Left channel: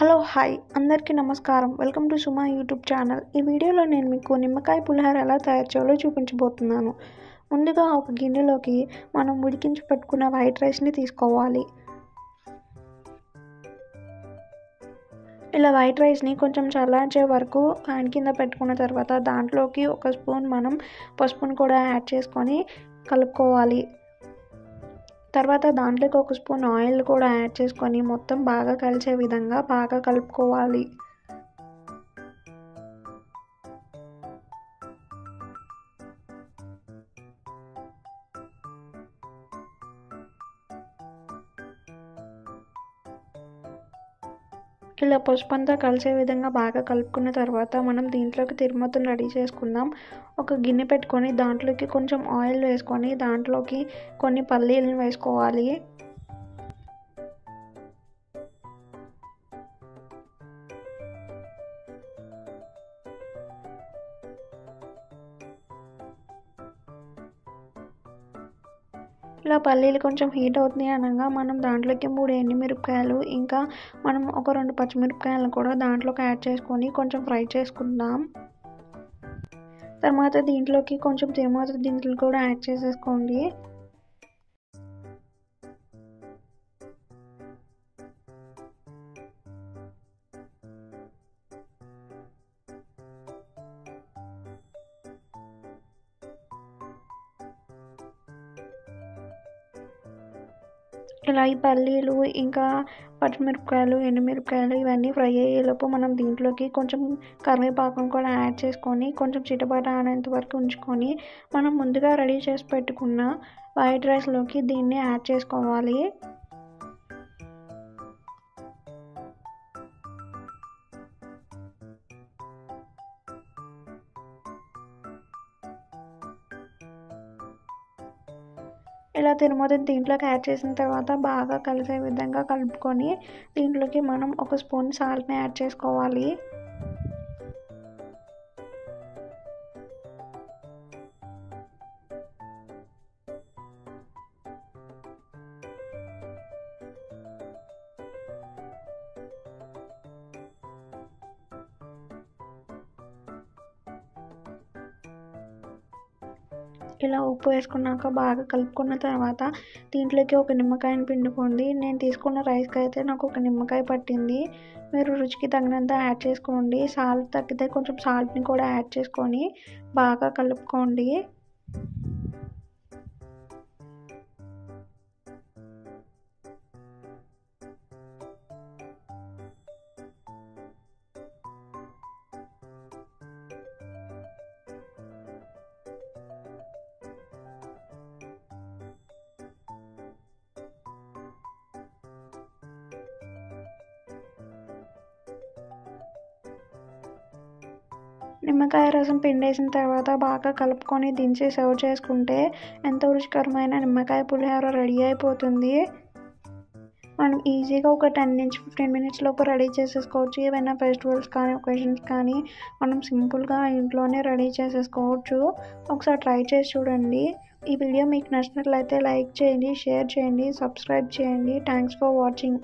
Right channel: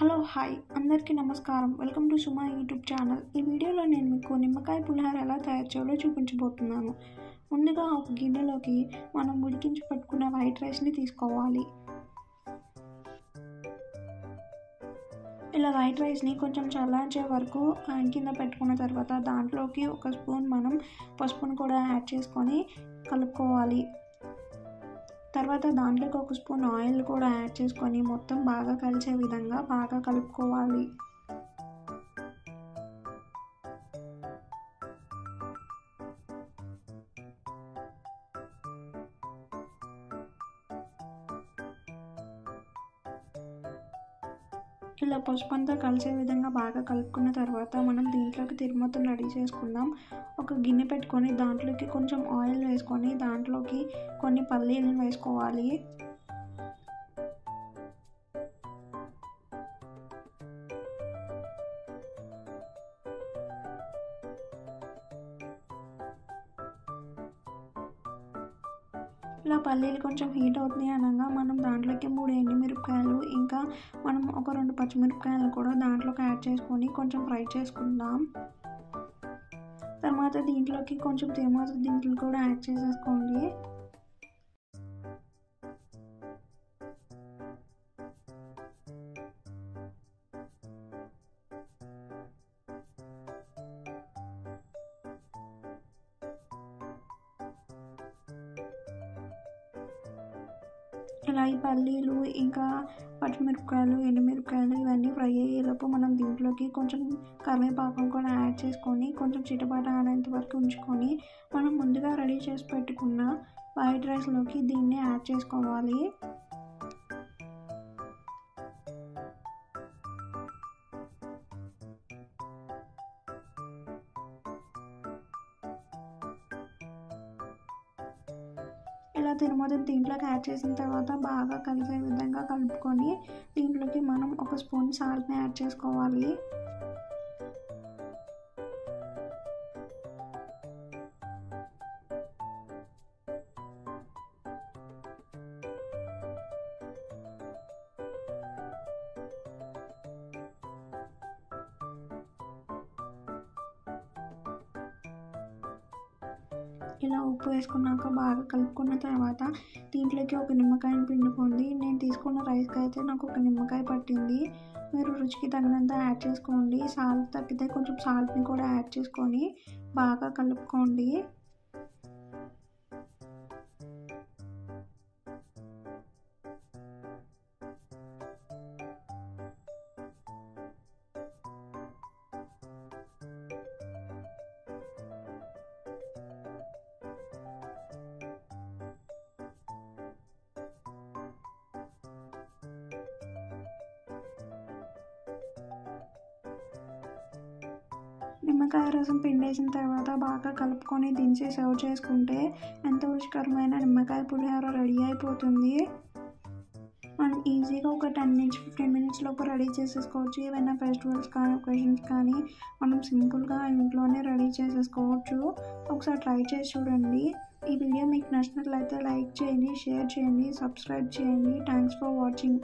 Hello hi అందరికీ నమస్కారం. Welcome to Suma YouTube channel. ఈ వీడియోలో నేను మీకు నిమ్మకాయ పులిహోర ఎలా తయారు చేయాలో చూపించబోతున్నాను. ముందుగా ఒక గిన్నెలోకి మనం ఉడికించి పెట్టుకున్న వైట్ రైస్ని తీసుకోవాలి. ఇలా వైట్ రైస్ని కొంచెం చల్లార్చే వరకు ఫ్యాన్ కింద పెట్టుకున్న తర్వాత దాంట్లోకి ఒక స్పూన్ మనం పసుపును కూడా యాడ్ చేసుకొని కలుపుకోవాలి. తర్వాత దాంట్లోకి ఒక స్పూన్ ఆయిల్ కూడా యాడ్ చేసుకొని మొత్తం బాగా కలిసే విధంగా బాగా కలుపుకోవాలి. ఇలా పసుపు అంతా కలిసే విధంగా బాగా కలుపుకున్న తర్వాత మనం దీంట్లోకి తిరుమతను రెడీ చేసుకుందాం. ఒక గిన్నె పెట్టుకొని దాంట్లోకి కొంచెం ఆయిల్ వేసుకొని దాంట్లోకి కొన్ని పల్లీలను వేసుకోవాలి. ఇలా పల్లీలు కొంచెం హీట్ అవుతున్నాయి అనగా మనం దాంట్లోకి 3 ఎండుమిరపకాయలు ఇంకా మనం ఒక 2 పచ్చిమిరపకాయలను కూడా దాంట్లోకి యాడ్ చేసుకొని కొంచెం ఫ్రై చేసుకుందాం. తర్వాత దీంట్లోకి కొంచెం తిరుమత దినుసులు కూడా యాడ్ చేసేసుకోండి. ఇలా ఈ పల్లీలు ఇంకా పచ్చిమిరపకాయలు ఎండుమిరపకాయలు ఇవన్నీ ఫ్రై అయ్యేలోపు మనం దీంట్లోకి కొంచెం కరివేపాకు కూడా యాడ్ చేసుకొని కొంచెం చిటపట అనేంత వరకు ఉంచుకొని మనం ముందుగా రెడీ చేసి పెట్టుకున్న వైట్ రైస్లోకి దీన్ని యాడ్ చేసుకోవాలి. ఇలా తిరుమత దీంట్లోకి యాడ్ చేసిన తర్వాత బాగా కలిసే విధంగా కలుపుకొని దీంట్లోకి మనం ఒక స్పూన్ సాల్ట్ని యాడ్ చేసుకోవాలి. ఇలా ఉప్పు వేసుకున్నాక బాగా కలుపుకున్న తర్వాత దీంట్లోకి ఒక నిమ్మకాయని పిండుకోండి. నేను తీసుకున్న రైస్కి అయితే నాకు ఒక నిమ్మకాయ పట్టింది. మీరు రుచికి తగినంత యాడ్ చేసుకోండి. సాల్ట్ తగ్గితే కొంచెం సాల్ట్ని కూడా యాడ్ చేసుకొని బాగా కలుపుకోండి. నిమ్మకాయ రసం పిండేసిన తర్వాత బాగా కలుపుకొని దించి సర్వ్ చేసుకుంటే ఎంతో రుచికరమైన నిమ్మకాయ పులిహోర రెడీ అయిపోతుంది. మనం ఈజీగా ఒక 10 నుంచి 15 మినిట్స్ లోపు రెడీ చేసేసుకోవచ్చు. ఏవైనా ఫెస్టివల్స్ కానీ ఒకేషన్స్ కానీ మనం సింపుల్గా ఇంట్లోనే రెడీ చేసేసుకోవచ్చు. ఒకసారి ట్రై చేసి చూడండి. ఈ వీడియో మీకు నచ్చినట్లయితే లైక్ చేయండి, షేర్ చేయండి, సబ్స్క్రైబ్ చేయండి. Thanks for watching.